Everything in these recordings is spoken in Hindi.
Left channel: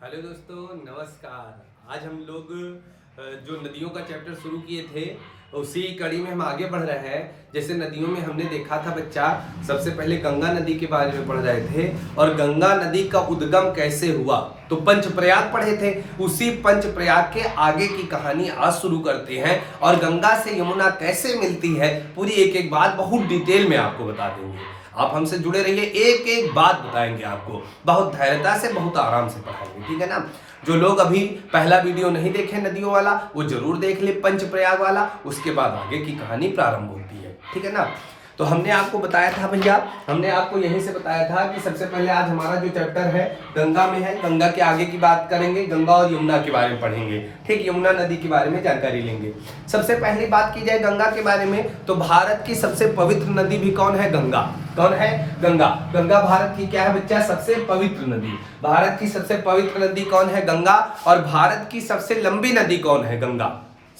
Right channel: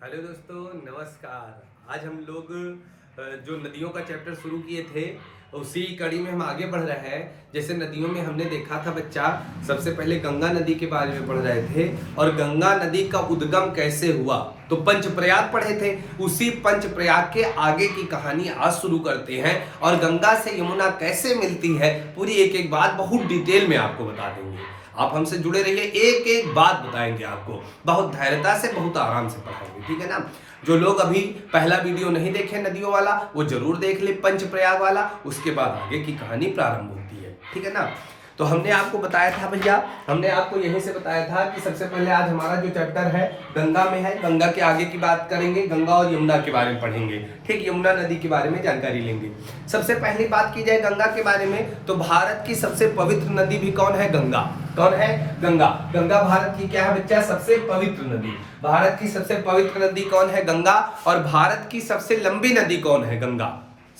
हेलो दोस्तों, नमस्कार। आज हम लोग जो नदियों का चैप्टर शुरू किए थे उसी कड़ी में हम आगे बढ़ रहे हैं। जैसे नदियों में हमने देखा था बच्चा, सबसे पहले गंगा नदी के बारे में पढ़ रहे थे और गंगा नदी का उद्गम कैसे हुआ। तो पंचप्रयाग पढ़े थे, उसी पंचप्रयाग के आगे की कहानी आज शुरू करते हैं और गंगा से यमुना कैसे मिलती है पूरी एक एक बात बहुत डिटेल में आपको बता देंगे। आप हमसे जुड़े रहिए, एक एक बात बताएंगे आपको, बहुत धैर्यता से बहुत आराम से पढ़ाएंगे, ठीक है ना। जो लोग अभी पहला वीडियो नहीं देखे नदियों वाला वो जरूर देख ले, पंचप्रयाग वाला, उसके बाद आगे की कहानी प्रारंभ होती है, ठीक है ना। तो हमने आपको बताया था भैया, हमने आपको यहीं से बताया था कि सबसे पहले आज हमारा जो चैप्टर है गंगा में है। गंगा के आगे की बात करेंगे, गंगा और यमुना के बारे में पढ़ेंगे, ठीक, यमुना नदी के बारे में जानकारी लेंगे। सबसे पहली बात की जाए गंगा के बारे में तो भारत की सबसे पवित्र नदी भी कौन है? गंगा। कौन है? गंगा। गंगा भारत की क्या है बच्चा? सबसे पवित्र नदी। भारत की सबसे पवित्र नदी कौन है? गंगा। और भारत की सबसे लंबी नदी कौन है? गंगा।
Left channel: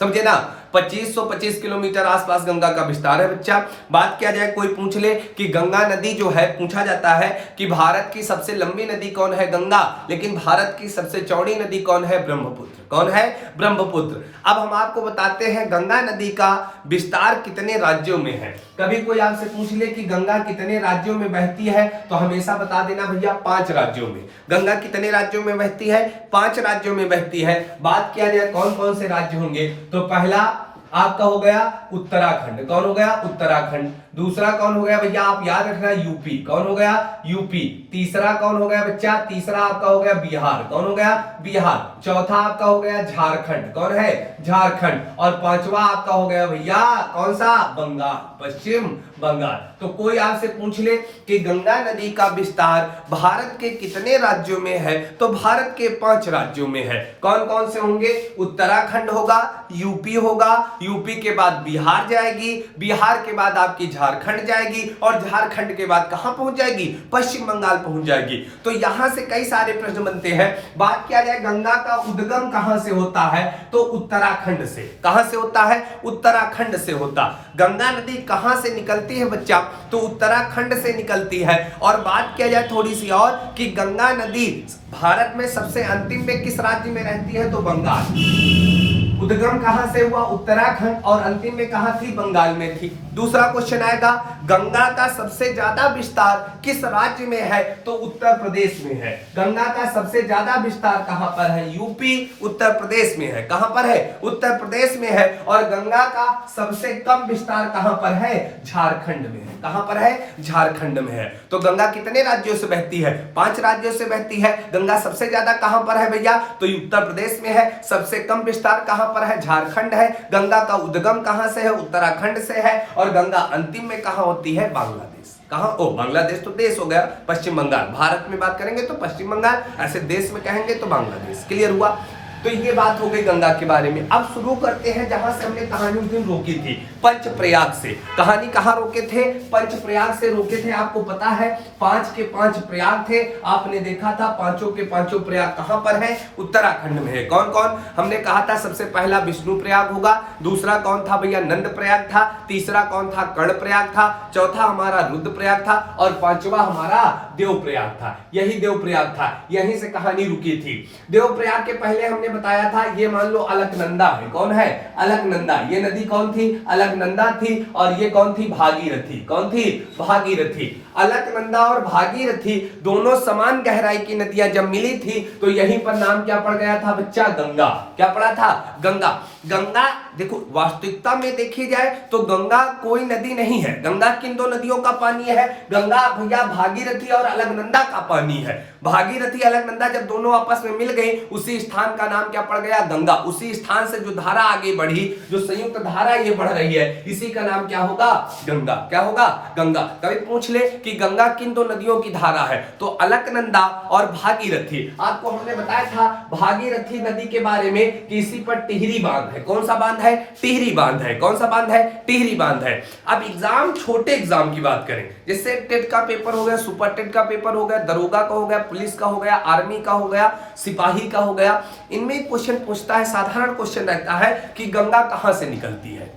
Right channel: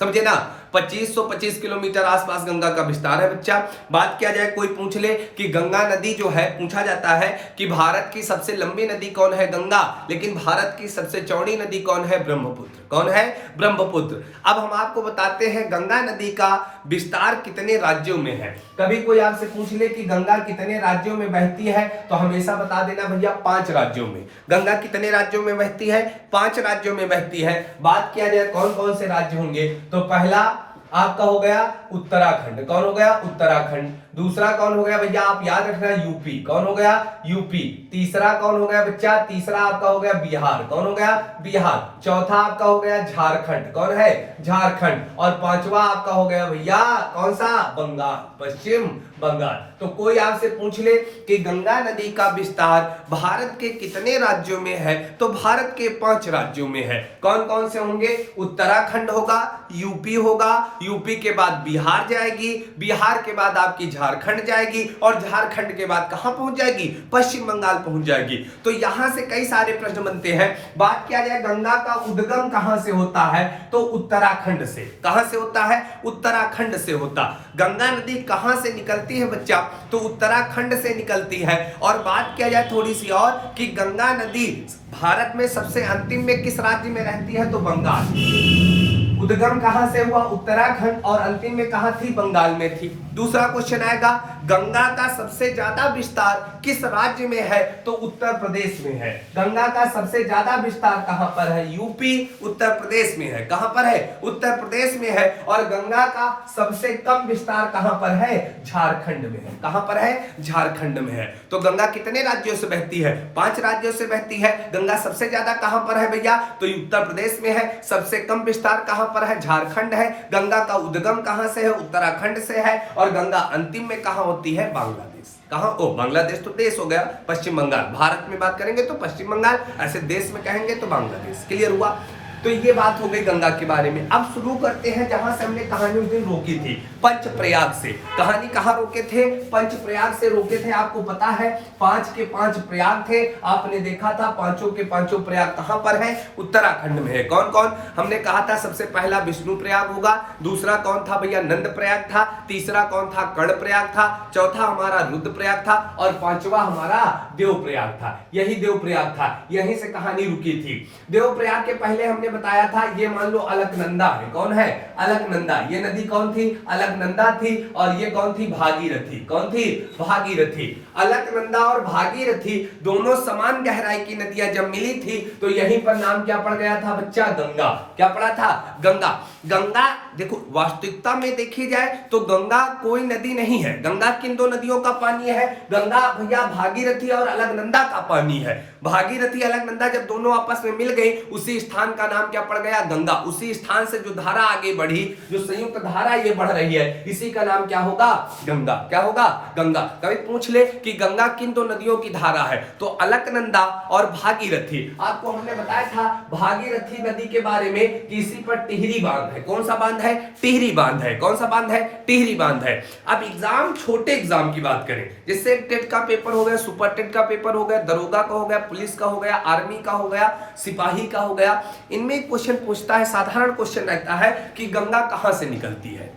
समझे ना। 2525 किलोमीटर आसपास गंगा का विस्तार है बच्चा। बात किया जाए, कोई पूछ ले कि गंगा नदी जो है, पूछा जाता है कि भारत की सबसे लंबी नदी कौन है? गंगा। लेकिन भारत की सबसे चौड़ी नदी कौन है? ब्रह्मपुत्र। कौन है? ब्रह्मपुत्र। अब हम आपको बताते हैं गंगा नदी का विस्तार कितने राज्यों में है। कभी कोई आपसे पूछ ले कि गंगा कितने राज्यों में बहती है तो हमेशा बता देना भैया 5 राज्यों में। गंगा कितने राज्यों में बहती है? 5 राज्यों में बहती है। बात किया जाए कौन कौन से राज्य होंगे तो पहला आपका हो गया उत्तराखंड। कौन हो गया? उत्तराखंड। दूसरा कौन हो गया भैया? आप याद रखना यूपी। कौन हो गया? यूपी। तीसरा कौन हो गया बच्चा? तीसरा आपका हो गया बिहार। कौन हो गया? बिहार। चौथा आपका हो गया झारखंड। कौन है? झारखंड। और पांचवा आपका हो गया भैया कौन सा? बंगाल, पश्चिम बंगाल। तो कोई आपसे पूछ ले कि गंगा नदी का विस्तार भारत के कितने राज्यों में है तो भारत के 5 राज्यों में है। कौन कौन से होंगे? उत्तराखंड होगा, यूपी होगा, यूपी के बाद बिहार जाएगी, बिहार के बाद आपकी झारखंड जाएगी और झारखंड के बाद कहां पहुंच जाएगी? पश्चिम बंगाल पहुंच जाएगी। तो यहां से कई सारे प्रश्न बनते हैं। बात किया जाए गंगा का उद्गम कहां से होता है तो उत्तराखंड से। कहां से होता है? उत्तराखंड से होता। गंगा नदी कहां से निकलती है बच्चा तो उत्तराखंड से निकलती है। और बात किया जाए थोड़ी सी और कि गंगा नदी भारत में सबसे अंतिम में किस राज्य में रहती है तो बंगाल। उद्गम कहां से हुआ? उत्तराखंड। और अंतिम में कहां थी? बंगाल में थी। दूसरा क्वेश्चन आएगा गंगा का सबसे ज्यादा विस्तार किस राज्य में है तो उत्तर प्रदेश में है। गंगा का सबसे ज्यादा विस्तार कहां पर है? यूपी, उत्तर प्रदेश में है। कहां पर है? उत्तर प्रदेश में है। और गंगा का सबसे कम विस्तार कहां पर है? झारखंड में है। कहां पर है? झारखंड में है। तो गंगा कितने राज्यों से बहती है? 5 राज्यों से बहती है। गंगा सबसे ज्यादा कहां पर है भैया तो उत्तर प्रदेश में है। सबसे कम विस्तार कहां पर है? झारखंड है। गंगा का उद्गम कहां से है? उत्तराखंड से है। और गंगा अंतिम में कहां होती है? बांग्लादेश। कहां? ओ, बांग्लादेश तो देश हो गया, पश्चिम बंगाल। भारत में बात करेंगे तो पश्चिम बंगाल, ऐसे देश में कहेंगे तो बांग्लादेश। क्लियर हुआ? तो ये बात हो गई गंगा के बारे में। अब शुरू करते हैं जहां से हमने कहानी उस दिन रोकी थी, पंचप्रयाग से। कहानी कहां रोके थे? पंचप्रयाग से रोके थे। आपको पता है 5 के 5 प्रयाग थे, आपने देखा था। पांचों के पांचों प्रयाग कहां पर है? उत्तराखंड में है। कौन कौन? हमने कहा था सबसे पहला विष्णु प्रयाग होगा, दूसरा कौन था भैया? नंद प्रयाग था, तीसरा कौन था? कर्ण प्रयाग था, चौथा हमारा रुद्र प्रयाग था और पांचवा हमारा देव प्रयाग था। यही देव प्रयाग था, यहीं से कहानी रुकी थी। देव प्रयाग के पहले हमने बताया था ये मान लो अलकनंदा है। कौन है? अलकनंदा। ये नदी कौन थी? अलकनंदा थी। और ये कौन थी? भागीरथी। कौन थी? भागीरथी। अलकनंदा और भागीरथी दोनों समान गहराई की नदियां जब मिली थी तो यहीं पर नाम क्या पड़ गया था बच्चा? गंगा। क्या पड़ा था? गंगा। गंगा देखो वास्तविकता में देखी जाए तो गंगा कोई नदी नहीं है। गंगा किन 2 नदियों का पानी है? गंगा भैया भागीरथी और अलकनंदा का पानी है। भागीरथी अलकनंदा जब दोनों आपस में मिल गई उसी स्थान का नाम क्या पड़ गया? गंगा। उसी स्थान से जो धारा आगे बढ़ी, जो संयुक्त धारा ये बढ़ रही है, इसी का नाम क्या होगा? गंगा। क्या होगा? गंगा। कभी पूछ ले कि गंगा किन 2 नदियों की धारा है तो अलकनंदा और भागीरथी। आपको हमने बताया था भागीरथी नदी के बारे में कि इसी पर टिहरी बांध है। कौन सा बांध है? टिहरी बांध है। कौन सा बांध है? टिहरी बांध है। अब एग्जाम, छोटे एग्जाम की बात करें, जैसे टेट का पेपर हो गया, सुपर टेट का पेपर हो गया, दरोगा का हो गया, पुलिस का हो गया, आर्मी का हो गया, सिपाही का हो गया, इनमें क्वेश्चन पूछता है, साधारण क्वेश्चन रहता है कि गंगा कहां से निकलती है।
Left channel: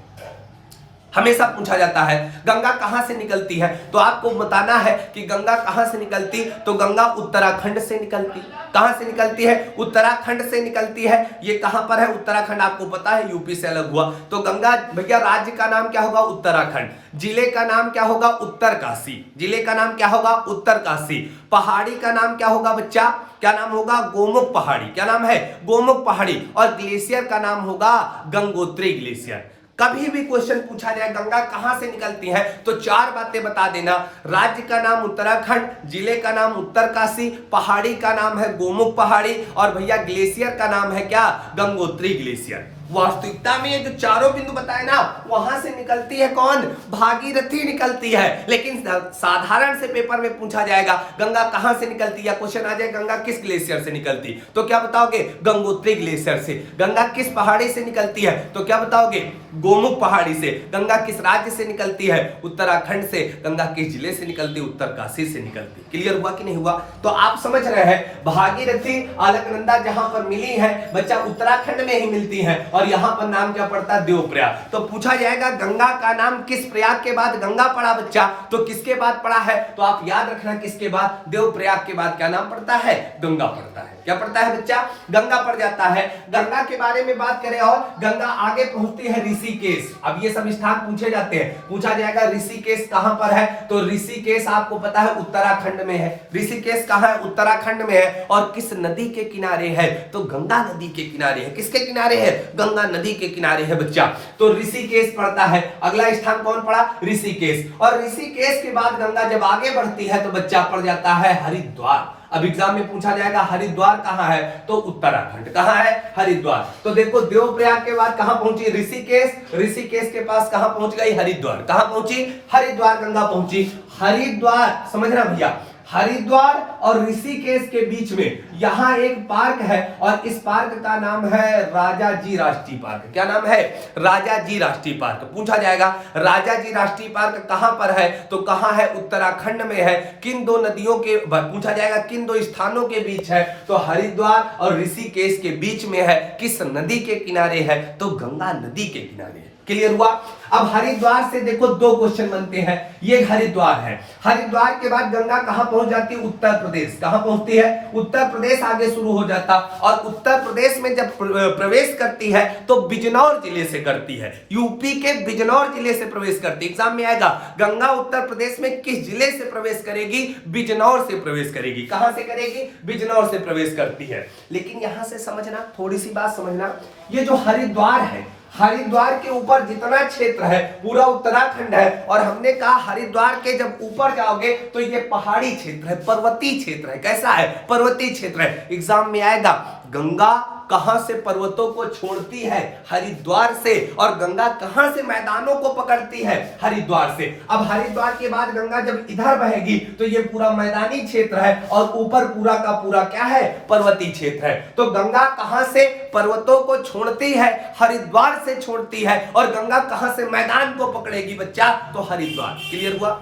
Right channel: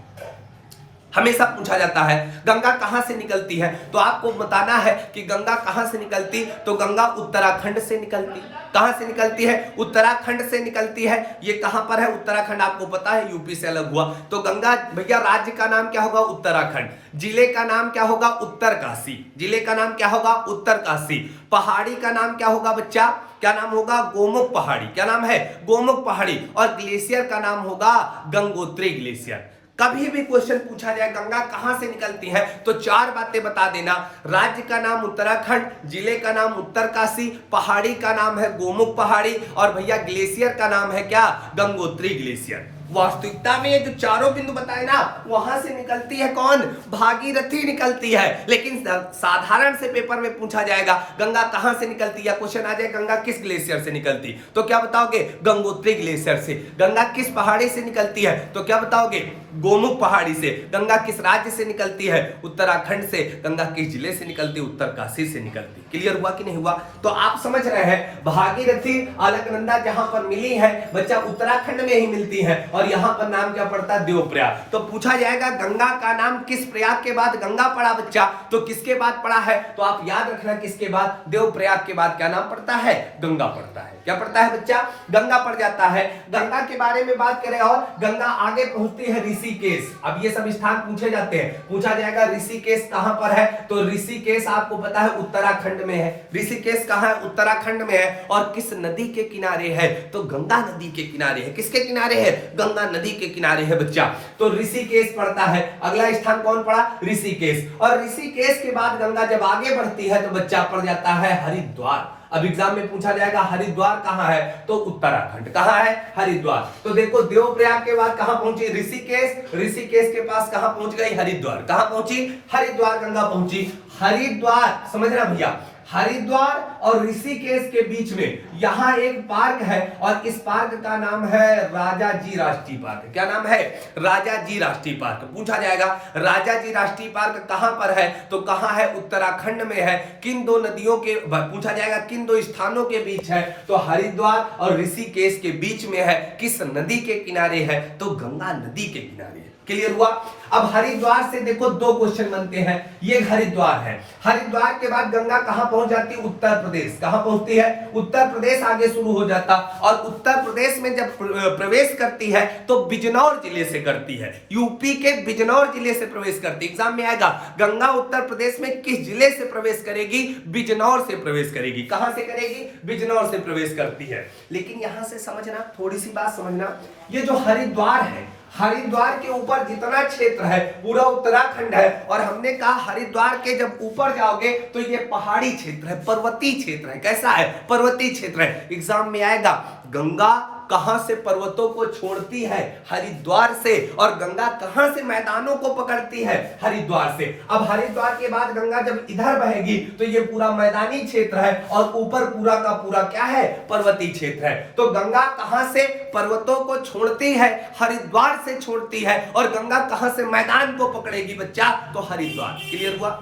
हमेशा पूछा जाता है गंगा कहां से निकलती है, तो आपको बताना है कि गंगा कहां से निकलती, तो गंगा उत्तराखंड से निकलती। कहां से निकलती है? उत्तराखंड से निकलती है। ये कहां पर है? उत्तराखंड आपको पता है यूपी से अलग हुआ। तो गंगा भैया राज्य का नाम क्या होगा? उत्तराखंड। जिले का नाम क्या होगा? उत्तरकाशी। जिले का नाम क्या होगा? उत्तरकाशी। पहाड़ी का नाम क्या होगा बच्चा? क्या नाम होगा? गोमुख पहाड़ी। क्या नाम है? गोमुख पहाड़ी। और ग्लेशियर का नाम होगा गंगोत्री ग्लेशियर। कभी भी क्वेश्चन पूछा जाए गंगा कहां से निकलती है तो चार बातें बता देना। राज्य का नाम उत्तराखंड, जिले का नाम उत्तरकाशी, पहाड़ी का नाम है गोमुख पहाड़ी, और भैया ग्लेशियर का नाम है क्या? गंगोत्री ग्लेशियर। वास्तविकता में ये जो चारों बिंदु बताए ना, वहां से निकलती है कौन? भागीरथी निकलती है। लेकिन साधारण से पेपर में पूछा जाएगा गंगा कहां से निकलती, या क्वेश्चन आ जाए गंगा किस ग्लेशियर से निकलती, तो क्या बताओगे? गंगोत्री ग्लेशियर से। गंगा किस पहाड़ी से निकलती है, तो क्या बताओगे? गोमुख पहाड़ी से। गंगा किस राज्य से निकलती है? उत्तराखंड से। गंगा किस जिले से निकलती? उत्तरकाशी से निकलती। क्लियर हुआ कि नहीं हुआ? तो आप समझ रहे हैं भागीरथी अलकनंदा जहां पर मिली है बच्चा उत्तराखंड में ही मिलती है, और यहां पर नाम क्या पड़ता है? देवप्रयाग। तो पूछा जाएगा गंगा का नाम किस प्रयाग के बाद गंगा पड़ा बच्चा, तो किसके बाद पड़ा है? तो आप याद रखना किसके बाद? देवप्रयाग के बाद क्या नाम पड़ता है? गंगा पड़ता है। क्या पड़ता है बच्चा? गंगा पड़ जाता है। गंगा के बारे में बात करें और गंगा आगे पहुंचती है ऋषिकेश। अब ये सब स्थान पूछे जाते हैं। पूछा जाएगा ऋषिकेश कहां पर है, तो ऋषिकेश आपको पता है उत्तराखंड में है। ऋषिकेश कहां है? उत्तराखंड में है। और किस नदी के किनारे है? तो गंगा नदी के किनारे है। किसके किनारे है? गंगा नदी के किनारे है बच्चा। तो ऋषिकेश पड़ता है। अगला स्थान कौन पड़ा? ऋषिकेश। और ऋषिकेश के बाद गंगा जब आगे बढ़ती है तो बच्चा पड़ जाता है हरिद्वार। अब एग्जाम में पूछा जाएगा हरिद्वार कहां है, तो उत्तराखंड। कहां है? हरिद्वार। तो देखो देवप्रयाग के बाद कहां पहुंची? ऋषिकेश। ऋषिकेश के पास कहां पहुंच गई? हरिद्वार। कहां पहुंची? हरिद्वार गंगा पहुंची। हरिद्वार समझना भैया, हरिद्वार और ऋषिकेश के बीच में यहां एक पार्क है, और इस पार्क का नाम है राजाजी राष्ट्रीय पार्क। क्या नाम है? राजाजी राष्ट्रीय पार्क। पूछा जाएगा राजाजी राष्ट्रीय पार्क कहां पर है, तो कहां है? उत्तराखंड में है। किन दो नदियों के, पूछा जाएगा किन दो स्थानों के बीच है, तो हरिद्वार और ऋषिकेश के बीच में है। किस नदी के किनारे है, तो गंगा नदी के किनारे है। क्लियर हुआ? अब हरिद्वार से देखो दो क्वेश्चन बनते हैं। ये हरिद्वार है। हरिद्वार के बाद गंगा कहां पहुंच जाती है? उत्तर प्रदेश। कहां पहुंचती है? उत्तर प्रदेश आगे शुरू हो जाता। और उत्तर प्रदेश में जब प्रवेश करती है तो बिजनौर जिले से करती है। यूपी के बिजनौर जिले से प्रवेश करती है। एग्जाम में आएगा गंगा उत्तर प्रदेश में किस जिले से प्रवेश करेगी? बिजनौर से प्रवेश करेगी। कहां से करेगी? बिजनौर से प्रवेश करती है। लेकिन यहां से समझना, थोड़ी सी बात समझना, ये जो हरिद्वार है, हरिद्वार के ऊपर जितना क्षेत्र है पूरा उत्तराखंड है। और हमने कहा हरिद्वार के जब ऊपर जाओगे तो ये पहाड़ी क्षेत्र है, पर्वतीय क्षेत्र है। कैसा है? पर्वतीय क्षेत्र है। एग्जाम में आएगा गंगा कहां से पर्वतों को छोड़ती है? हरिद्वार से। और गंगा कहां से मैदानों को पकड़ती है? हरिद्वार से। अब हरिद्वार के बाद गंगा जब इधर बहेगी तो ये पूरा मैदानी क्षेत्र है, और ऊपर पूरा का पूरा क्या है? पर्वतीय क्षेत्र है। तो गंगा कहां से पर्वतों को छोड़ती है? हरिद्वार से छोड़ती है। और गंगा कहां से मैदान को पकड़ेगी बच्चा? तो हरिद्वार। क्लियर हुआ?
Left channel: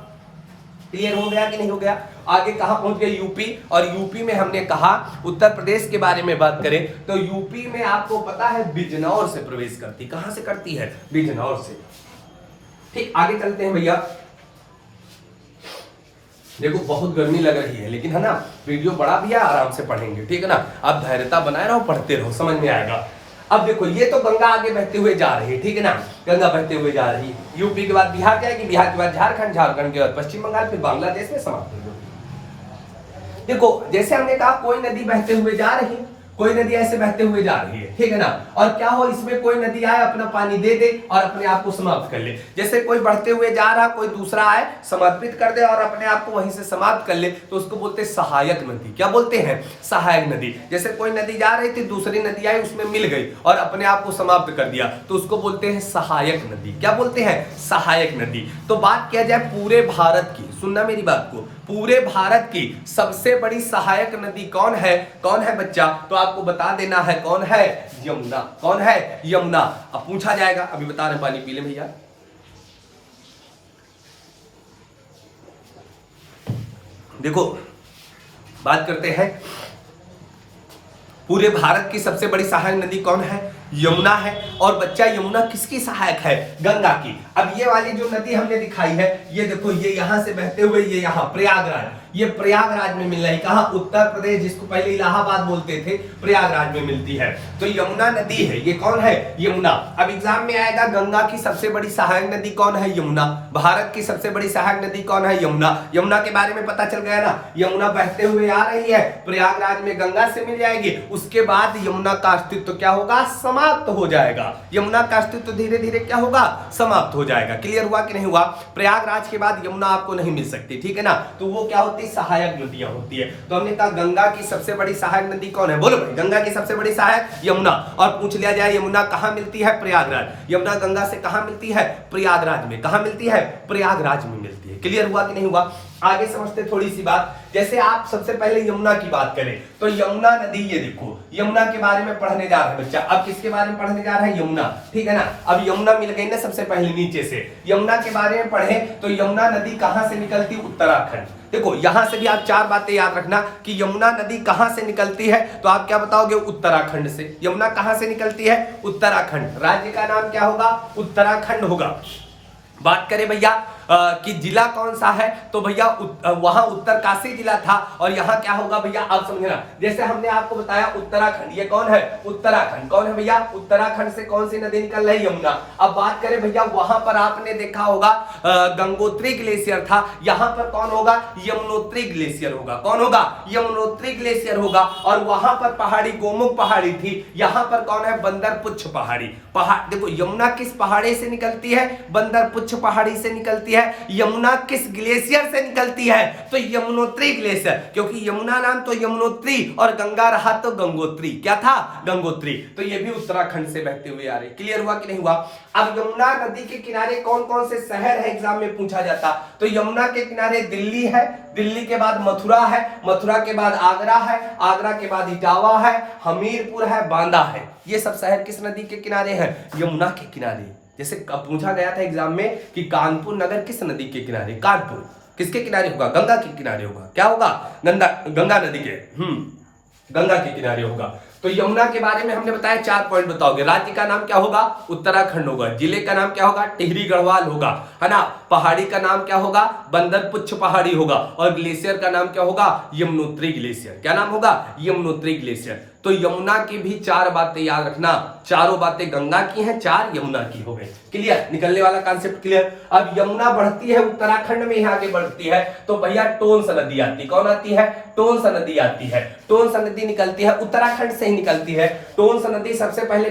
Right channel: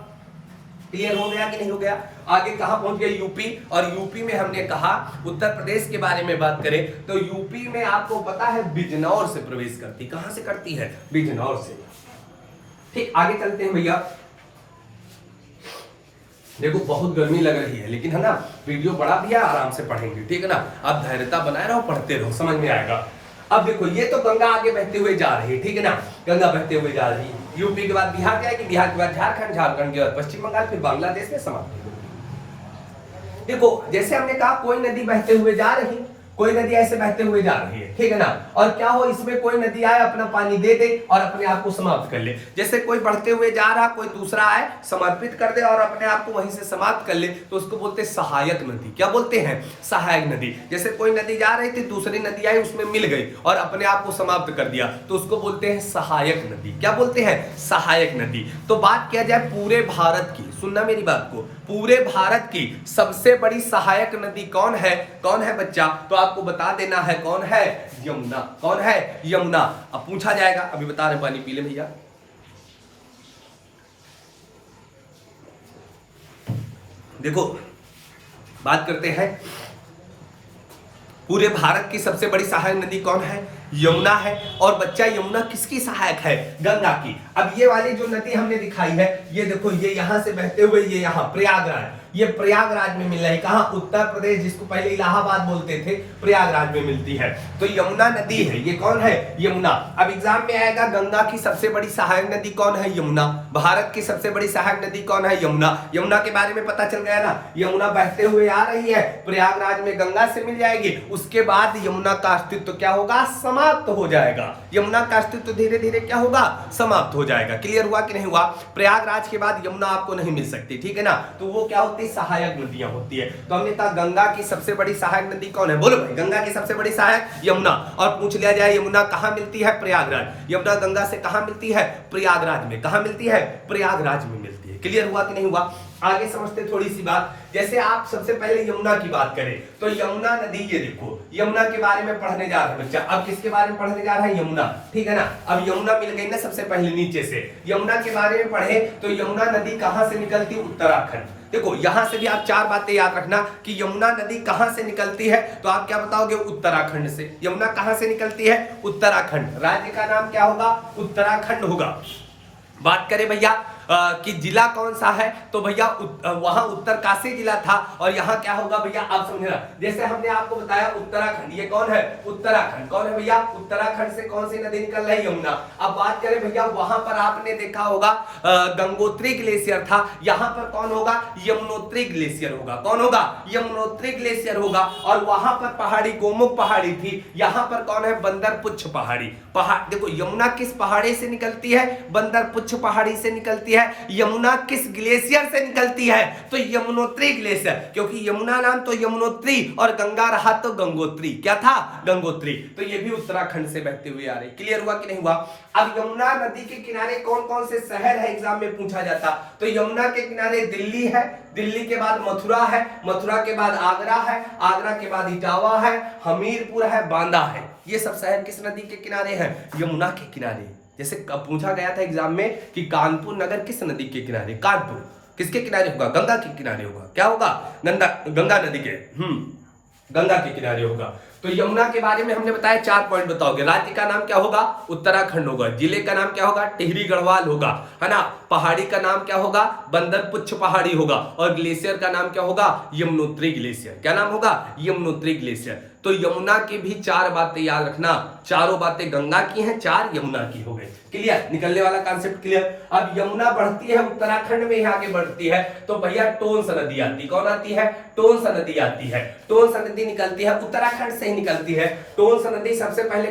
क्लियर हो गया कि नहीं हो गया? आगे कहां पहुंच गए? यूपी। और यूपी में हमने कहा उत्तर प्रदेश के बारे में बात करें तो यूपी में आपको पता है बिजनौर से प्रवेश करती। कहां से करती है? बिजनौर से। ठीक, आगे चलते हैं भैया। देखो बहुत गर्मी लग रही है, लेकिन है ना वीडियो बड़ा भी है, आराम से पढ़ेंगे। ठीक है ना? आप धैर्यता बनाए रहो, पढ़ते रहो, समझ में आएगा। अब देखो ये तो गंगा आगे बहते हुए जा रही है। ठीक है ना? गंगा बहते हुए जा रही है। यूपी के बाद बिहार जाएगी, बिहार के बाद झारखंड, झारखंड के बाद पश्चिम बंगाल, फिर बांग्लादेश में समाप्त हो जाएगी। देखो जैसे हमने कहा कोई नदी बहते हुए जा रही है, कोई नदी ऐसे बहते हुए जा रही है। ठीक है ना? और क्या हो, इसमें कोई नदी आए अपना पानी दे दे और अपने आप को समाप्त कर ले। जैसे कोई बढ़ते हुए जा रहा, कोई दूसरा आए समर्पित कर दे और अपने आप को वहीं से समाप्त कर ले, तो उसको बोलते हैं सहायक नदी। क्या बोलते हैं? सहायक नदी। जैसे कोई नदी जा रही थी, दूसरी नदी आई, उसमें मिल गई और अपने आप को समाप्त कर दिया, तो उसको बोलते हैं सहायक नदी। क्या बोलते हैं? सहायक नदी। तो बात किया जाए पूरे भारत की, सुनना मेरी बात को, पूरे भारत की सबसे बड़ी सहायक नदी कौन है? कौन है बच्चा? तो आपको बता देना है कौन है? यमुना। कौन है? यमुना। अब पूछा जाएगा, अभी बता रहे पानी पी ले भैया। देखो बात करते हैं पूरे भारत की सबसे बड़ी सहायक नदी कौन है? यमुना है। और बच्चा यमुना किसकी सहायक है? गंगा की। अब ये वाली जो नदी हमने दिखाई है, ये देखो, ये यहां से बहते हुए ये यहाँ प्रयागराज, ये प्रयागराज में मिल रही है। कहां? उत्तर प्रदेश, जिसको पहले इलाहाबाद बोलते थे, प्रयागराज में मिलती है। तो यमुना नदी है, ये कौन है? यमुना। अब एग्जाम में आएगा गंगा की सबसे बड़ी सहायक नदी कौन है? यमुना। भारत की सबसे बड़ी सहायक नदी कौन है? यमुना। यमुना के बारे में पता चल गया ना, यमुना बहते हुए आ रही है, प्रयागराज में गंगा से मिल जाएगी, उसके बाद यमुना का अस्तित्व क्या होगा? समाप्त हो जाएगा। यमुना का अस्तित्व धीरे धीरे क्या होगा? समाप्त हो जाएगा। क्लियर हुआ कि नहीं हुआ? प्रयागराज के बाद यमुना आपको नहीं मिल सकती, ठीक है ना। तो वो क्या होती? सहायक नदियां होती है। तो हमने कहा गंगा की सबसे बड़ी सहायक नदी कौन है? बोलो भाई, गंगा की सबसे बड़ी सहायक यमुना। और पूछ लिया जाए यमुना कहां मिलती है? प्रयागराज। यमुना गंगा से कहां मिलती है? प्रयागराज में। कहां मिलती है? प्रयागराज में मिलती है। क्लियर हुआ कि नहीं हुआ? आगे समझते थोड़ी सी बात। जैसे आप सबसे पहले यमुना की बात करें तो यमुना नदी, ये देखो, यमुना के बारे में पढ़ने जा रहे हैं बच्चा। अब किसके बारे में पढ़ने जा रहा है? यमुना, ठीक है ना। अब यमुना मिल गई ना सबसे पहले नीचे से। यमुना के बारे में पढ़े तो यमुना नदी कहां से निकलती? उत्तराखंड। देखो, यहां से भी आप चार बातें याद रखना कि यमुना नदी कहां से निकलती है, तो आप क्या बताओगे? उत्तराखंड से। यमुना कहां से निकलती है? उत्तराखंड। राज्य का नाम क्या होगा? उत्तराखंड होगा। बात करें भैया कि जिला कौन सा है, तो भैया वहां उत्तरकाशी जिला था। और यहाँ क्या होगा भैया? आप समझना, जैसे हमने आपको बताया उत्तराखंड, ये कौन है? उत्तराखंड। कौन है भैया? उत्तराखंड से कौन सी नदी निकल रही है? यमुना। अब बात करें भैया, वहां पर आपने देखा होगा गंगोत्री ग्लेशियर था, यहाँ पर कौन होगा? यमुनोत्री ग्लेशियर होगा। कौन होगा? यमुनोत्री ग्लेशियर होगा। और वहां पर पहाड़ी गोमुख पहाड़ी थी, यहाँ पर कौन है? बंदरपुच्छ पहाड़ी। पहाड़ देखो, यमुना किस पहाड़ी से निकलती है? बंदरपुच्छ पहाड़ी से निकलती है। यमुना किस ग्लेशियर से निकलती है? तो यमुनोत्री ग्लेशियर, क्योंकि यमुना नाम तो यमुनोत्री और गंगा रहा तो गंगोत्री। क्या था? गंगोत्री। तो ये भी उत्तराखंड से बहते हुए आ रहे। क्लियर हुआ कि नहीं हुआ? अब यमुना नदी के किनारे कौन कौन से शहर है, एग्जाम में पूछा जाता। तो यमुना के किनारे दिल्ली है, दिल्ली के बाद मथुरा है, मथुरा के बाद आगरा है, आगरा के बाद इटावा है, हमीरपुर है, बांदा है। ये सब शहर किस नदी के किनारे हैं? यमुना के किनारे। जैसे पूछा गया था एग्जाम में कि कानपुर नगर किस नदी के किनारे? कानपुर किसके किनारे होगा? गंगा के किनारे होगा। क्या होगा? गंगा नदी के, गंगा के किनारे होगा। तो यमुना के बारे में हमने बताया, 4 पॉइंट बताओगे। राज्य का नाम क्या होगा? उत्तराखंड होगा। जिले का नाम क्या होगा? टिहरी गढ़वाल होगा, है ना। पहाड़ी का नाम क्या होगा? बंदरपुच्छ पहाड़ी होगा। और ग्लेशियर का नाम क्या होगा? यमुनोत्री ग्लेशियर। क्या नाम होगा? यमुनोत्री ग्लेशियर। तो यमुना की भी 4 बातें याद रखना। चारों बातें गंगा की हैं, 4 यमुना की हो गई। क्लियर? निकलने वाला कॉन्सेप्ट क्लियर? अब यमुना बढ़ती है उत्तराखंड में, यहाँ आगे बढ़ती है तो भैया टोंस नदी आती। कौन आती है? टोंस नदी आती है। टोंस नदी निकलती है उत्तराखंड से ही निकलती है। टोंस नदी सबसे पहले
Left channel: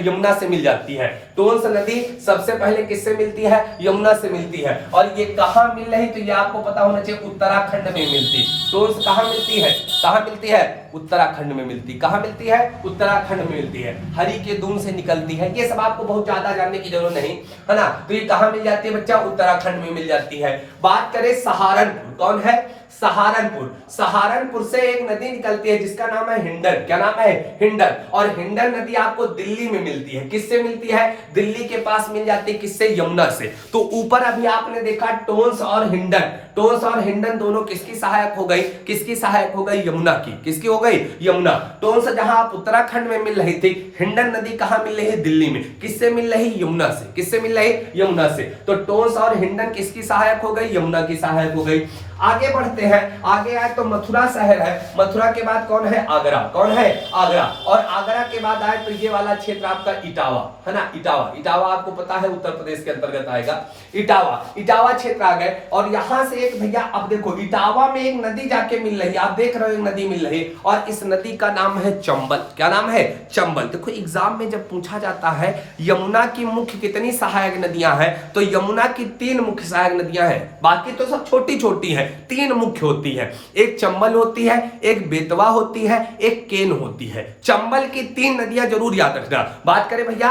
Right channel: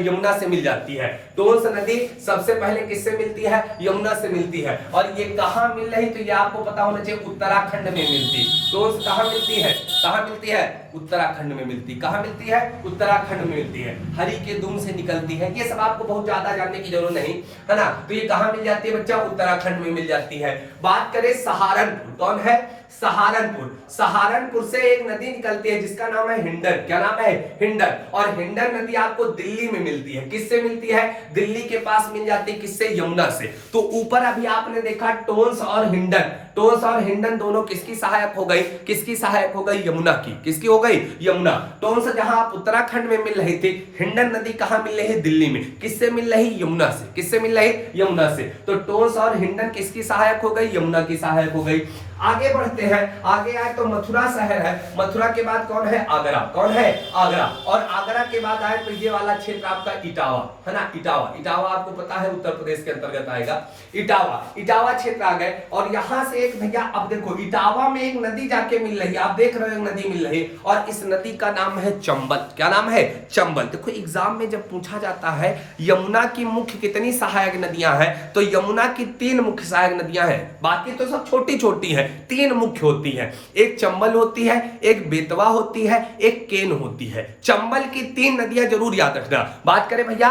यमुना से मिल जाती है। टोंस नदी सबसे पहले किससे मिलती है? यमुना से मिलती है। और ये कहां मिल रही? तो ये आपको पता होना चाहिए, उत्तराखंड में मिलती। टोंस कहां मिलती है? कहां मिलती है? उत्तराखंड में मिलती। कहां मिलती है? उत्तराखंड में मिलती है। हरि के दून से निकलती है। ये सब आपको बहुत ज्यादा जानने की जरूरत नहीं, है ना। तो ये कहां मिल जाती है बच्चा? उत्तराखंड में मिल जाती है। बात करें सहारनपुर, कौन है? सहारनपुर। सहारनपुर से एक नदी निकलती है जिसका नाम है हिंडन। क्या नाम है? हिंडन। और हिंडन नदी आपको दिल्ली में मिलती है। किससे मिलती है? दिल्ली के पास मिल जाती है। किससे? यमुना से। तो ऊपर अभी आपने देखा टोंस और हिंडन। टोंस और हिंडन दोनों किसकी सहायक हो गई? किसकी सहायक हो गई? यमुना की। किसकी हो गई? यमुना। टोंस जहां आप उत्तराखंड में मिल रही थी, हिंडन नदी कहां मिल रही है? दिल्ली में। किससे मिल रही? यमुना से। किससे मिल रही? यमुना से। तो टोंस और हिंडन किसकी सहायक हो गई? यमुना की सहायक हो गई। आगे बढ़ते हैं, आगे आए तो मथुरा शहर है। मथुरा के बाद कौन है? आगरा। कौन है? आगरा। और आगरा के बाद आए तो ये वाला क्षेत्र आपका इटावा, है ना। इटावा, इटावा आपको पता है उत्तर प्रदेश के अंतर्गत आएगा। इटावा, इटावा क्षेत्र आ गए। और यहां से एक भैया, अब देखो इटावा में एक नदी जाके मिल रही है, आप देख रहे हो एक नदी मिल रही है, और इस नदी का नाम है चंबल। क्या नाम है? चंबल। देखो एग्जाम में जब पूछा जाता है यमुना की मुख्य कितनी सहायक नदियां हैं, तो यमुना की 3 मुख्य सहायक नदियां हैं, बाकी तो सब छोटी छोटी हैं। 3 मुख्य होती है, एक चंबल होती है, एक बेतवा होती है, एक केन होती है। चंबल की 3 नदियां जरूर याद रखना। बात करें भैया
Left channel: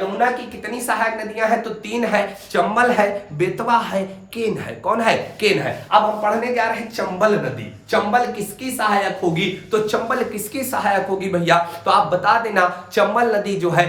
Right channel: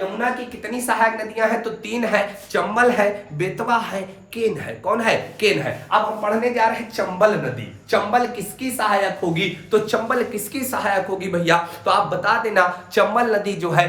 यमुना की कितनी सहायक नदियां हैं, तो 3 है, चंबल है, बेतवा है, केन है। कौन है? केन है। अब हम पढ़ने जा रहे हैं चंबल नदी। चंबल किसकी सहायक होगी? तो चंबल किसकी सहायक होगी भैया? तो आप बता देना चंबल नदी जो है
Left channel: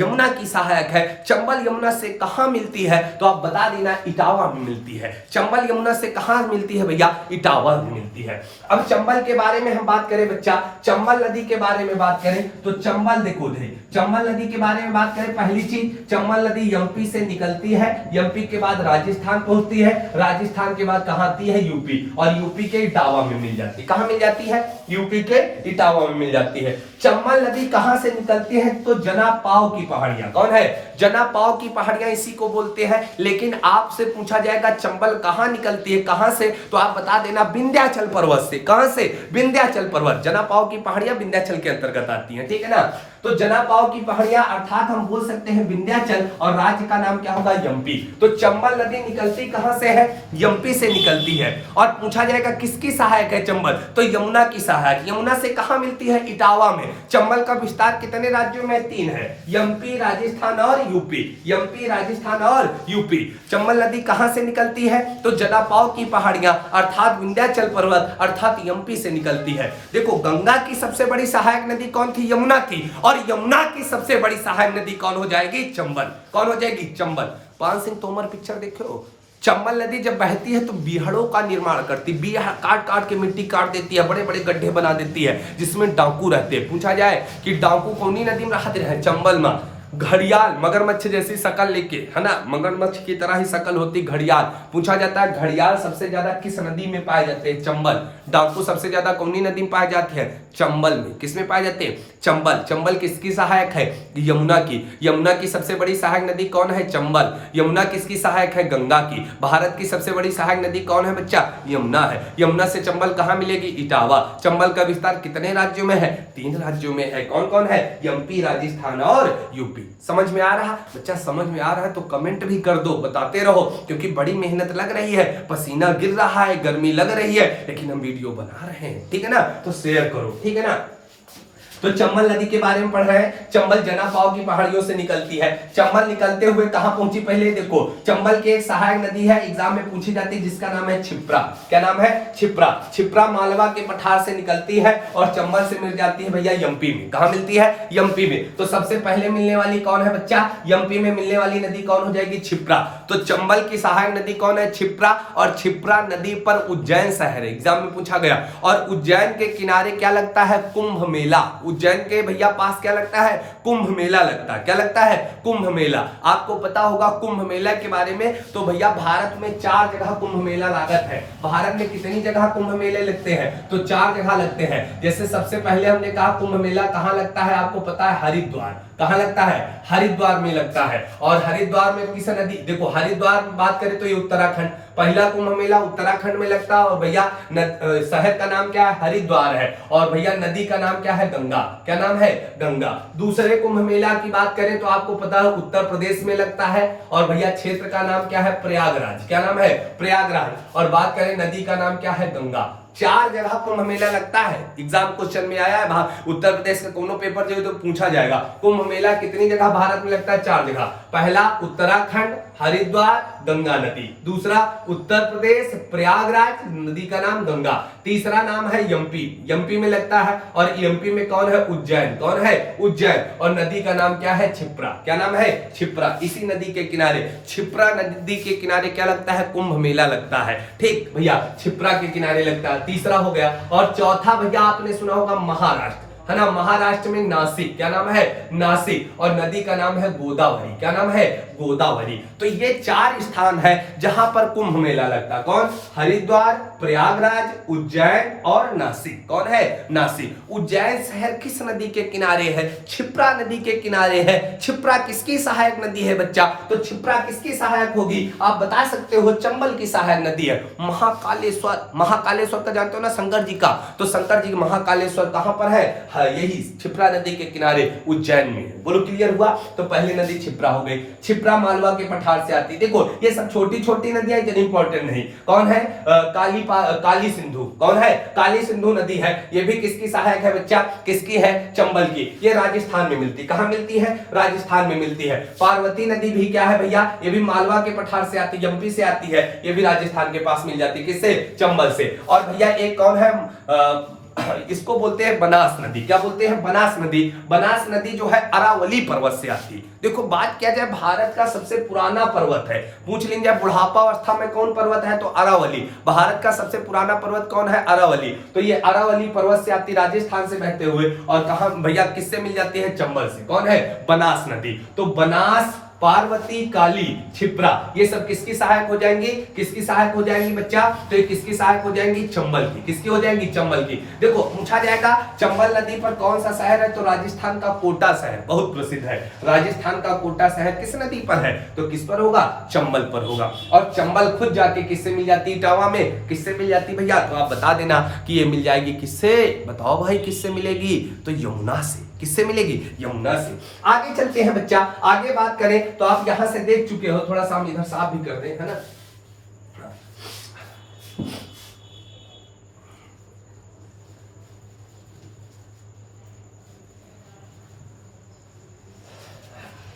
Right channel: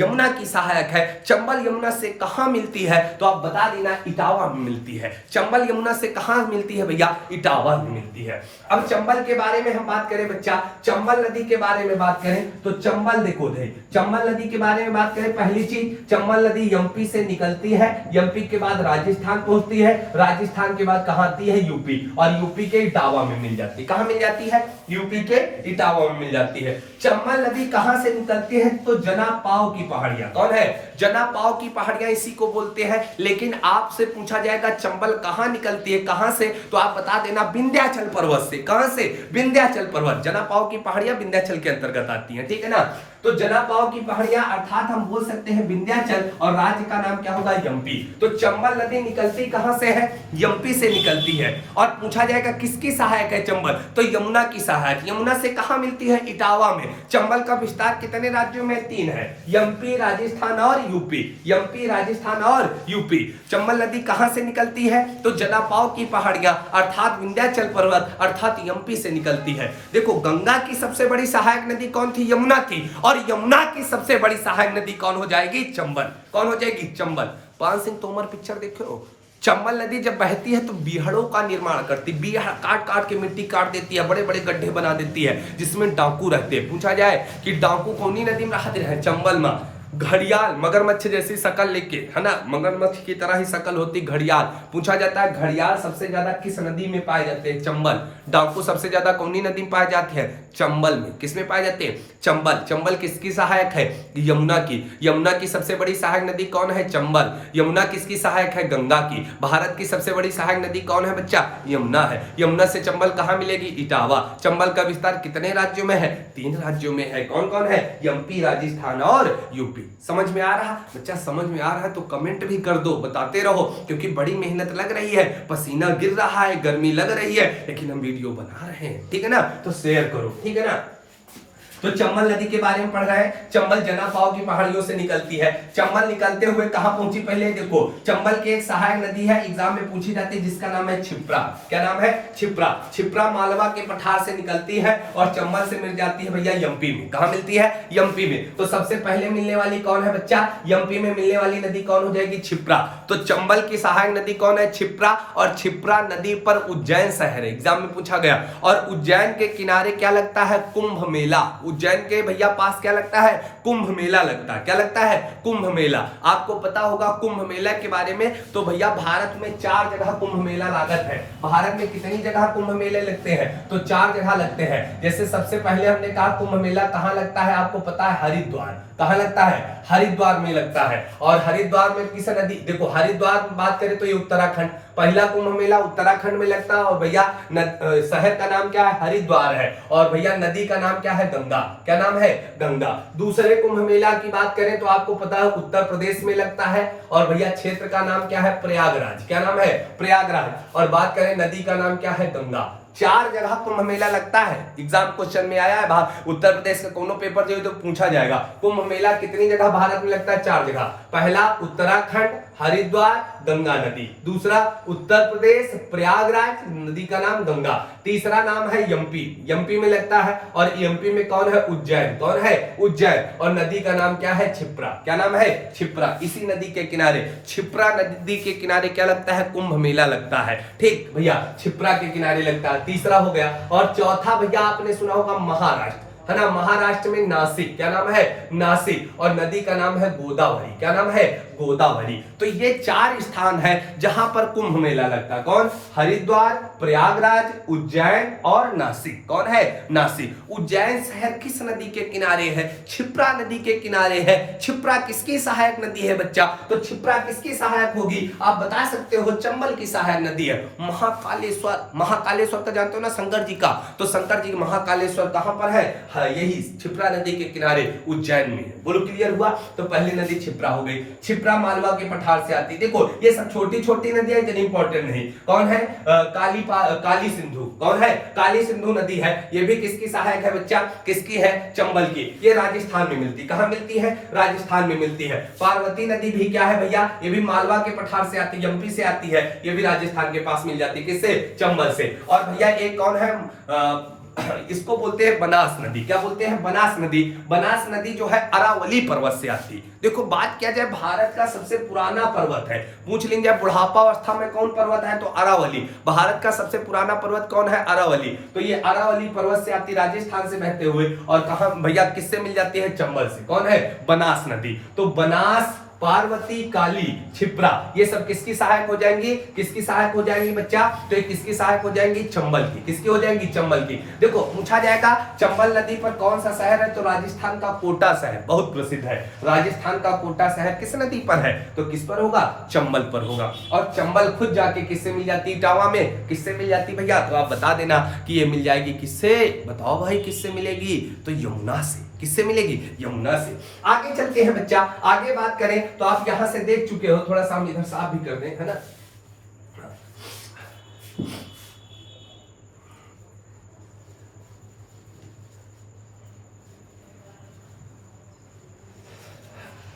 यमुना की सहायक है। चंबल यमुना से कहां मिलती है? तो आप बता देना इटावा में मिलती है। चंबल यमुना से कहां मिलती है भैया? इटावा में मिलती है। अब चंबल के बारे में हम बात करें बच्चा, चंबल नदी के बारे में बात करें तो चंबल देखो भाई, चंबल नदी के बारे में बात करें, पहली चीज चंबल नदी एमपी से निकलती है, एमपी के बाद राजस्थान पहुंचती है, राजस्थान के बाद कहां आती है? यूपी, और यूपी के इटावा में मिल जाती है। कहां मिल जाती है? यूपी के इटावा में मिल जाती है। चंबल नदी कहां से निकलती है? तो जनापाव की पहाड़ियां। कौन है? जनापाव की पहाड़ियां इसी को बोलते हैं। लेकिन आपसे पूछा जाएगा चंबल कहां निकलती है, कहां से? तो आप बता देना विंध्याचल पर्वत से। कहां से? विंध्याचल पर्वत। जनापाव की पहाड़ियां विंध्याचल के अंतर्गत आती हैं, ठीक है ना। तो जनापाव की पहाड़ियां अर्थात हम बोल सकते हैं विंध्याचल, और राज्य का नाम क्या होगा? एमपी। तो चंबल नदी निकलती कहां से है? एमपी से निकलती है। और पूछा जाएगा किसकी सहायक है चंबल? तो यमुना की सहायक। यमुना से कहां मिलती है? इटावा में। चंबल का विस्तार कितने राज्यों में? 3 है, एमपी, राजस्थान और यूपी। एमपी, राजस्थान और यूपी। चंबल नदी कहां से निकलती है? तो जनापाव की पहाड़ियां अर्थात विंध्याचल पर्वत अर्थात एमपी से निकलती है। देखो गंगा की सबसे बड़ी सहायक नदी कौन थी? यमुना थी। और यमुना की सबसे बड़ी सहायक नदी कौन हो जाएगी? चंबल। कौन हो जाएगी? चंबल। पान सिंह तोमर पिक्चर देखो, चंबल नदी जब बहती है तो बीहड़ों का निर्माण करती, बीहड़ काट काट के मिट्टी काट देती है, बड़े बड़े गड्ढे बना देती है जिसमें डाकू रहते हैं। पूछा जाए कि डाकू कौनी नदी में रहते हैं? चंबल में। घड़ियाल मगरमच्छ जैसी शकल लेके, है ना, मगरमच्छ की तरह ही शकल होती घड़ियाल। पूछा जाता है घड़ियाल सबसे ज्यादा किस नदी में पाए जाते हैं? चंबल। डाकू सबसे ज्यादा कौनी नदी में पाए जाते हैं? चंबल में। किसमें पाए जाते हैं? चंबल। चंबल किसकी सहायक है? यमुना की। यमुना की सबसे बड़ी सहायक नदी कौन है? चंबल। यमुना किसकी सहायक है? गंगा की। भारत की सबसे बड़ी सहायक नदी कौन है बच्चा? यमुना है। यमुना से चंबल कहां मिलेगी? इटावा। चंबल का विस्तार कितने राज्यों में है? 3 राज्यों में है। कौन कौन है? एमपी, राजस्थान और यूपी। समझ में आ रहा बच्चा? समझ में आ रहा है तो कमेंट भी कर दो, बताते रहो, क्योंकि बड़ी मेहनत लग रही है, पसीना गिर रहा है, गर्मी लग रही है, लेकिन हम वीडियो बना रहे हैं, ठीक है ना। तो शेयर करो, ठीक है ना। तो चंबल नदी के बारे में पढ़ रहे हैं। चंबल जनापाव की पहाड़ियों से निकलती है। चंबल निकलते हुए कहां पहुंची? पहले देखो, चंबल की एक सहायक नदी है, एग्जाम में पूछी जाती है, जिसका नाम है छिप्रा। क्या नाम है? छिप्रा। छिप्रा मालवा के पठार से निकलती है और चंबल से मिल जाती है भैया एमपी में। कहां मिलती है? एमपी में। तो सबसे पहले मिलने वाली कौन है बच्चा? एमपी में मिलने वाली नदी कौन हो जाएगी? छिप्रा। तो चंबल की सहायक नदी कौन है? छिप्रा। और छिप्रा नदी पर उज्जैन शहर है, एग्जाम में पूछा गया। और उज्जैन के किनारे क्या लगता है? कुंभ मेला। उज्जैन के भैया पास क्या लगता है? कुंभ मेला लगता है। क्या लगता है? कुंभ मेला। आपको पता होगा कुंभ मेला के बारे में। तो भैया भारत में 4 जगह कुंभ मेला लागत है। भारत में कितनी जगह कुंभ मेले लगते हैं? तो 4 जगह लगते हैं। जैसे सबसे पहले हमने कहा कुंभ मेला कहां लगता है? आपको पता है हरिद्वार। कहां लगता है? हरिद्वार में लगता है। और हरिद्वार में किस नदी? देखो हरिद्वार की बात करें तो ये उत्तराखंड। पहला कुंभ मेला उत्तराखंड में लगता है। और भैया शहर का नाम क्या है? हरिद्वार है। और भैया नदी का नाम क्या है? गंगा। क्या नाम है? गंगा। दूसरे कुंभ मेला की बात करें तो आपको पता है उत्तर प्रदेश में लगता है। और भैया क्षेत्र का नाम क्या है? प्रयागराज। क्या नाम है? प्रयागराज। और बात करें नदी का नाम क्या है? गंगा। 4 जगह कुंभ मेला लगता है। एग्जाम क्वेश्चन में आया है, उत्तर प्रदेश का कोनो पेपर जो है तो पूछा जाएगा। कुंभ मेला कितनी जगह भारत में लगता है? 4 जगह। पहला उत्तराखंड, हरिद्वार, गंगा नदी। दूसरा उत्तर प्रदेश, प्रयागराज, नदी का नाम गंगा। तीसरा नाम है एमपी, एमपी में लगता है। और एमपी में कौन है? उज्जैन। कौन है? उज्जैन। और नदी का नाम क्या है? छिप्रा। क्या नाम है? छिप्रा। इसी नदी के किनारे, छिप्रा नदी के किनारे क्या लगता है? कुंभ मेला लगता है। ठीक भैया, छिप्रा के किनारे लगता है। तीसरा हो गया। और चौथा भैया आपने सुना होगा महाराष्ट्र, है ना। महाराष्ट्र में नासिक। क्या नाम है? नासिक। और नदी का नाम है गोदावरी। क्या नाम है? गोदावरी। तो ये 4 स्थान है जहां पर कुंभ मेला लगता है। कौन? हरिद्वार, प्रयागराज, उज्जैन और नासिक। कौन है? नासिक। उज्जैन शहर किस नदी के किनारे है? छिप्रा नदी के किनारे है। छिप्रा किसकी सहायक नदी है बच्चा? तो छिप्रा किसकी सहायक होगी? आप बता सकते हो चंबल की सहायक नदी है। महाकालेश्वर, महाकालेश्वर का जानते हो ना, शंकर जी का। तो शंकर जी महाकालेश्वर कहां पर है? यही क्षिप्रा नदी के किनारे उज्जैन में। बोलो क्लियर हुआ? तो पहली नदी क्षिप्रा हो गई। क्षिप्रा मालवा के पठार से आती है। देखो ये सब छोटी छोटी नदियां इतनी इंपॉर्टेंट नहीं। कौन है? काली सिंधु। कौन है? काली सिंधु नदी है। ये भी किसकी सहायक है बच्चा? किसकी है? चंबल की। ये राजस्थान में मिलती। कहां मिलती है? राजस्थान में मिलती है। पार्वती नदी भी क्या है भैया? ये भी मालवा के पठार से आती है, एमपी से आती है। ये भी राजस्थान के पास मिल जाती है। किससे? चंबल से। और भैया एक कौन है? इसको बोलते हैं बनास नदी। क्या बोलते हैं? बनास नदी। बनास नदी जो है अरावली पर्वत से आती है। देखो बात किया जाए, भारत का सबसे पुराना पर्वत है। पूछ लीजिए बुढ़ापा अवस्था में कौन पर्वत है? तो अरावली। भारत का सबसे पुराना पर्वत कौन है? अरावली। तो ये अरावली पर्वत से आती, राजस्थान से बहते हुए। और कहा भैया किससे मिल जाती है? चंबल से। कौन है? बनास नदी। तो बनास, पार्वती, काली, क्षिप्रा, ये सब किसकी सहायक हो जाएंगी? किसकी सहायक हो जाएंगी बच्चा? तो ये किसकी सहायक हो जाएंगी? चंबल की। किसकी हो जाएंगी? चंबल की। देखो पूछा जाएगा चंबल नदी पर कौन सा शहर है? तो राजस्थान का कोटा शहर बहुत प्रसिद्ध है। राजस्थान का कोटा शहर किस नदी पर है? तो किस पर होगा? चंबल पर होगा। और चंबल खुद जाके किससे मिल जाती? इटावा में। किससे मिल जाती भैया? तो आप बता देना कि ये मिल जाएगी किससे? बताओ भाई किससे मिलेगी? तो यमुना से। किससे मिलेगी? यमुना से। आगे चलते हैं बच्चा। आगे बात करें तो आप यहां से देख चुके हो, थोड़ा सा हम इधर साफ भी कर दें, है ना?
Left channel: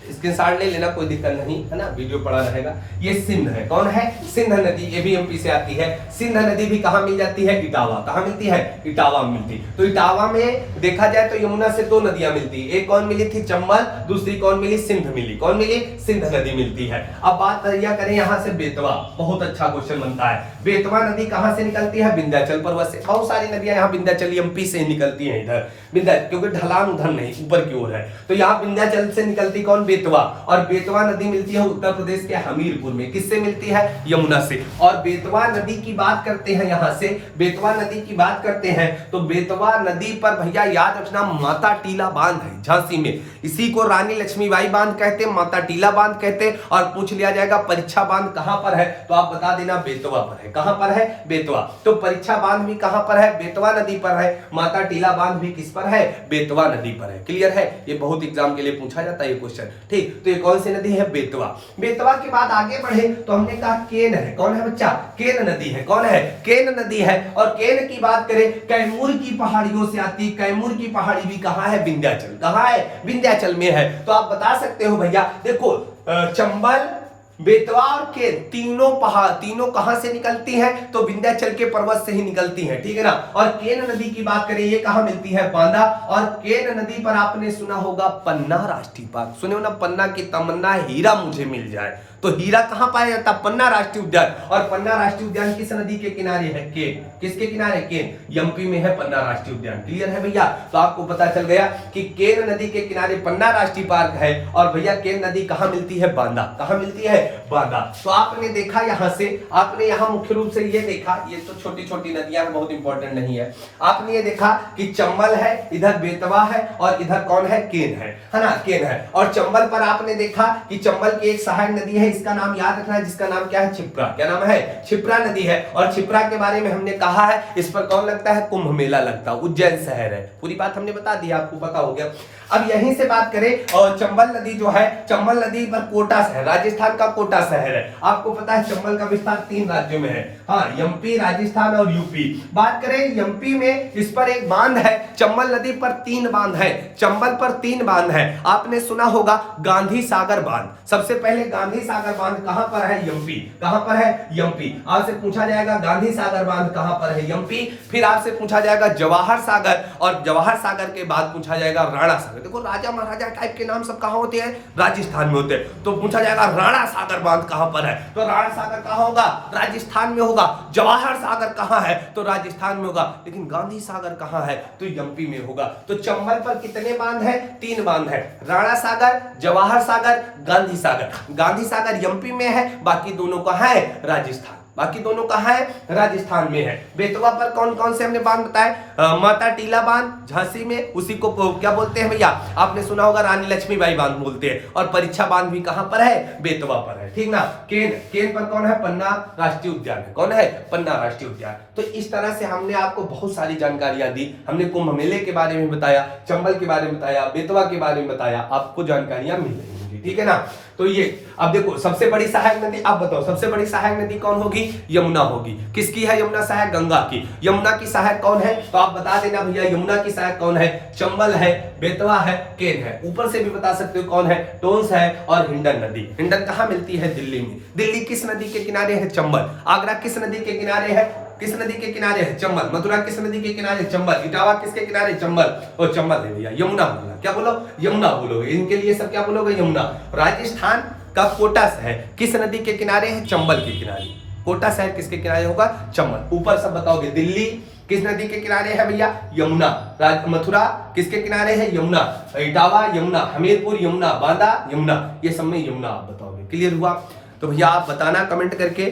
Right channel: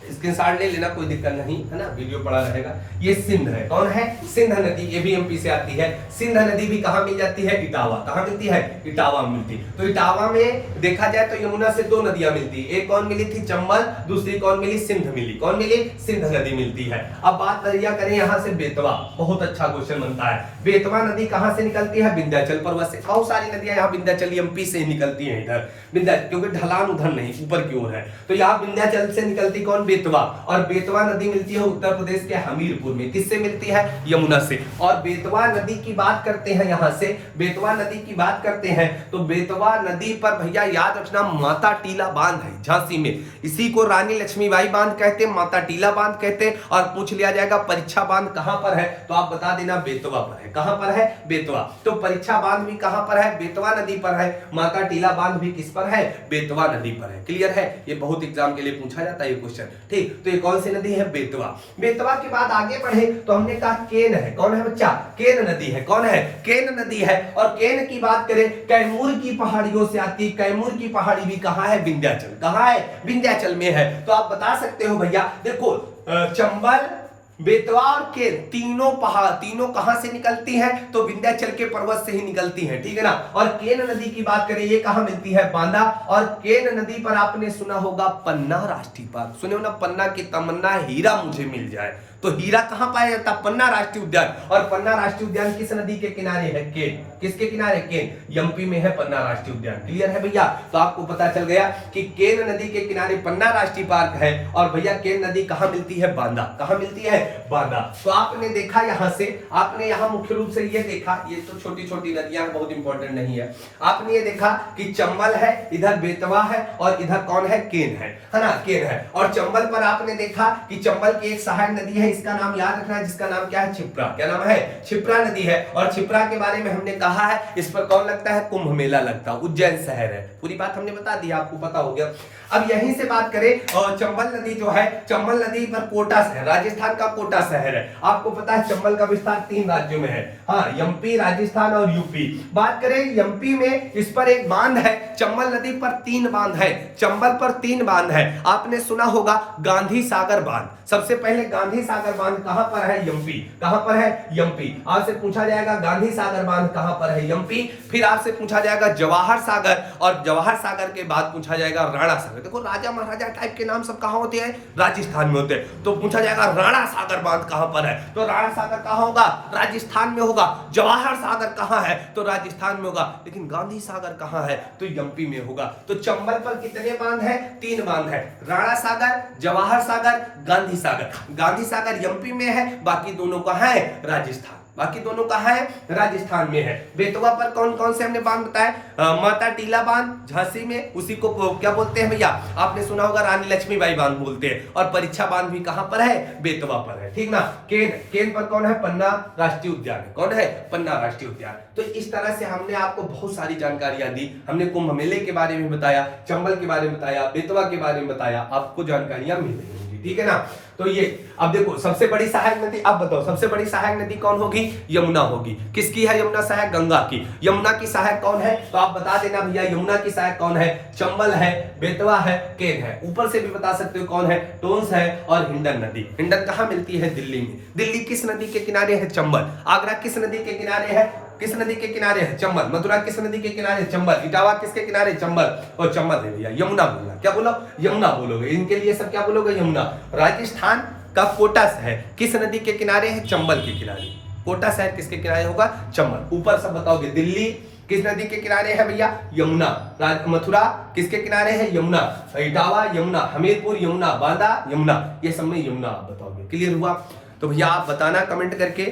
स्क्रीनशॉट ले लेना, कोई दिक्कत नहीं है ना, वीडियो पड़ा रहेगा। ये सिंध है। कौन है? सिंध नदी। ये भी एमपी से आती है। सिंध नदी भी कहां मिल जाती है? इटावा। कहां मिलती है? इटावा में मिलती। तो इटावा में देखा जाए तो यमुना से दो नदियां मिलती। एक कौन मिली थी? चंबल। दूसरी कौन मिली? सिंध मिली। कौन मिली? सिंध नदी मिलती है। अब बात करें यहां से बेतवा। बहुत अच्छा क्वेश्चन बनता है। बेतवा नदी कहां से निकलती है? विंध्याचल पर्वत से। बहुत सारी नदियां यहाँ विंध्याचल एमपी से निकलती है। इधर विंध्याचल, क्योंकि ढलान उधर नहीं, ऊपर की ओर है। तो यहाँ विंध्याचल से निकलती कौन? बेतवा। और बेतवा नदी मिलती है उत्तर प्रदेश के हमीरपुर में। किससे मिलती है? यमुना से। और बेतवा नदी की बात करते हैं, यहां से बेतवा नदी की बात करते हैं तो बेतवा नदी पर भैया याद रखना माता टीला बांध है झांसी में। इसी को रानी लक्ष्मीबाई बांध कहते हैं, माता टीला बांध कहते हैं। और पूछ लिया जाएगा परीक्षा बांध कहां पर है? तो आप बता देना बेतवा पर है। कहां पर है? बेतवा। तो परीक्षा बांध भी कहां पर है? बेतवा नदी पर है। माता टीला बांध भी किस पर है? बेतवा नदी पर है। क्लियर है? ये बहुत एग्जाम के लिए पूछा जाता है ये क्वेश्चन। ठीक, तो ये कौन सी नदी है? बेतवा। बेतवा के बाद आगे बढ़े तो हमने कहा केन है। कौन है बच्चा? केन नदी है। कौन है? केन नदी है। और केन की बात करें, कैमूर की पहाड़ियों से आती। कैमूर की पहाड़ी भी कहां है? विंध्याचल। कहां है? विंध्याचल में है। तो आप बता सकते हो भैया, देखो चंबल, बेतवा और केन तीनों कहां से निकलती हैं? तो विंध्याचल के पर्वत से ही निकलती हैं। ठीक है ना? और केन नदी की बात करें, ये कहां मिलती है? बांदा। और केन नदी पर आपने सुना होगा पन्ना राष्ट्रीय पार्क। सुने हो ना? पन्ना की तमन्ना हीरा मुझे मिल जाए। तो हीरा कहां पाया जाता? पन्ना राष्ट्रीय उद्यान। और पन्ना राष्ट्रीय उद्यान किस नदी के किनारे है? केन। किसके किनारे? केन। एमपी में है पन्ना राष्ट्रीय उद्यान। क्लियर है भैया? तो आपको पता चल गया कि केन नदी के किनारे पन्ना राष्ट्रीय पार्क है। और भैया केन नदी कहां मिलती है? बांदा। कहां मिलती है? बांदा। तो आपने देखा यहां से, आपने यहां मुख्य रूप से ये देखा, ये तो छोटी छोटी नदियां बहुत इंपॉर्टेंट नहीं है। आपने ये देखा कि चंबल है, इधर बेतवा है, और इधर कौन है? केन है ना? केन है। और चंबल पर आपने देखा कि चंबल की एक सहायक नदी है, इसका नाम याद रखना है, जिसका नाम क्या है? क्षिप्रा। क्या नाम है? क्षिप्रा नदी है। और क्षिप्रा के बारे में हमने कहा है, इस पर कौन लगता है? कुंभ मेला लगता है। उज्जैन शहर है। पूरी बात हमने बता दी, आपको पता हो गया। अब यहीं से बात करें, और चंबल नदी जो है, चंबल नदी पर कोटा शहर, राजस्थान का कोटा शहर है। आपको पता है चंबल का विस्तार 3 राज्यों में है। हाँ, एमपी, राजस्थान और यूपी। बात करें एमपी में, इस पर एक बांध है। चंबल नदी पर 3 बांध है। चंबल पर 3 बांध है। आपने सुना होगा गांधी सागर बांध। सबसे पहले गांधी सागर बांध कहां पर है? एमपी। कहां पर है? एमपी। आपसे पूछा जाएगा गांधी सागर बांध कहां पर है? एमपी। फिर आपसे पूछा जाएगा जवाहर सागर, और जवाहर सागर के बाद पूछा जाएगा राणा सागर। देखो राजा महाराजा टाइप के नाम सब कहां होते हैं? राजस्थान में होते हैं। तो पूछा जाएगा राणा सागर बांध कहां पर है? तो राणा सागर कहां होगा? राजस्थान में होगा। जवाहर सागर कहां है? तो राजस्थान में होगा। लेकिन गांधी सागर कहां है? तो एमपी में होगा। तो चंबल पर कितने बांध है? 3 बांध है। राणा सागर, जवाहर सागर, गांधी सागर। गांधी सागर एमपी में है, बाकी दोनों कहां है? राजस्थान। बाकी दोनों कहाँ है? राजस्थान में है। बेतवा पर कौन कौन से हमने बांध बताए? माता टीला बांध झांसी में, उसी को क्या बोलते हैं भैया? आपने सुना होगा रानी लक्ष्मीबाई बांध बोलते हैं। और परीक्षा बांध भी कहाँ पर है? बेतवा पर है, ठीक ना। केन पर कौन है? पन्ना राष्ट्रीय उद्यान है। कौन है? पन्ना राष्ट्रीय उद्यान। तो इस तरह से हमने आपको बहुत सारी जानकारियां दी। हमने कुंभ मेले के बारे में बताया, चंबल के बारे में बताया, बेतवा के बारे में बताया, आपको जानकारियां मिल रही होंगी, ठीक है ना। तो ये अब देखो, सबसे बड़ी सहायक नदी, आप बताओ सबसे बड़ी सहायक नदी कौन होगी? यमुना होगी। किसकी है यमुना सहायक? गंगा की। यमुना की सहायक कौन है? तो आप बता देना भैया, यमुना की सहायक कौन है? चंबल है, बेतवा है, केन है। ऊपर से भी बता सकते हो कौन है? टोंस है और हिंडन नदी। हिंडन कहाँ मिलती है? दिल्ली में। दिल्ली किस नदी के किनारे है? चंबल। आगरा किस नदी के किनारे है? किस नदी के किनारे है? चंबल। मथुरा किस नदी के किनारे है? चंबल। इटावा किसके किनारे? चंबल। और चंबल है भैया। यमुना बोलना, क्या बोलो? यमुना बोलोगे। इनके लिए सब क्या बोलोगे? यमुना। राजस्थान का कोटा शहर किस नदी के किनारे है? चंबल के किनारे। कोटा शहर किसके किनारे होगा? चंबल। ऊपर सब बताओगे। दिल्ली किस नदी के किनारे है भैया? यमुना। मथुरा किसके किनारे है? यमुना। इटावा यमुना, हमीरपुर यमुना, बांदा यमुना, ये सब में यमुना आप बताओगे। क्लियर हुआ? तो भैया आप बताना कमेंट करके।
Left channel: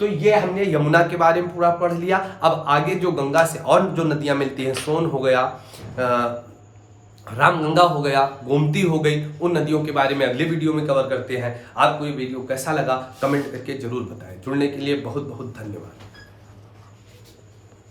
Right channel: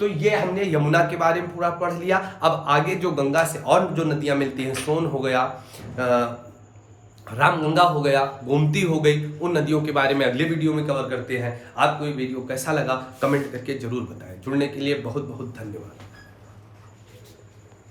तो ये हमने यमुना के बारे में पूरा पढ़ लिया। अब आगे जो गंगा से और जो नदियां मिलती हैं, सोन हो गया, रामगंगा हो गया, गोमती हो गई, उन नदियों के बारे में अगले वीडियो में कवर करते हैं। आपको ये वीडियो कैसा लगा कमेंट करके जरूर बताएं। जुड़ने के लिए बहुत बहुत धन्यवाद।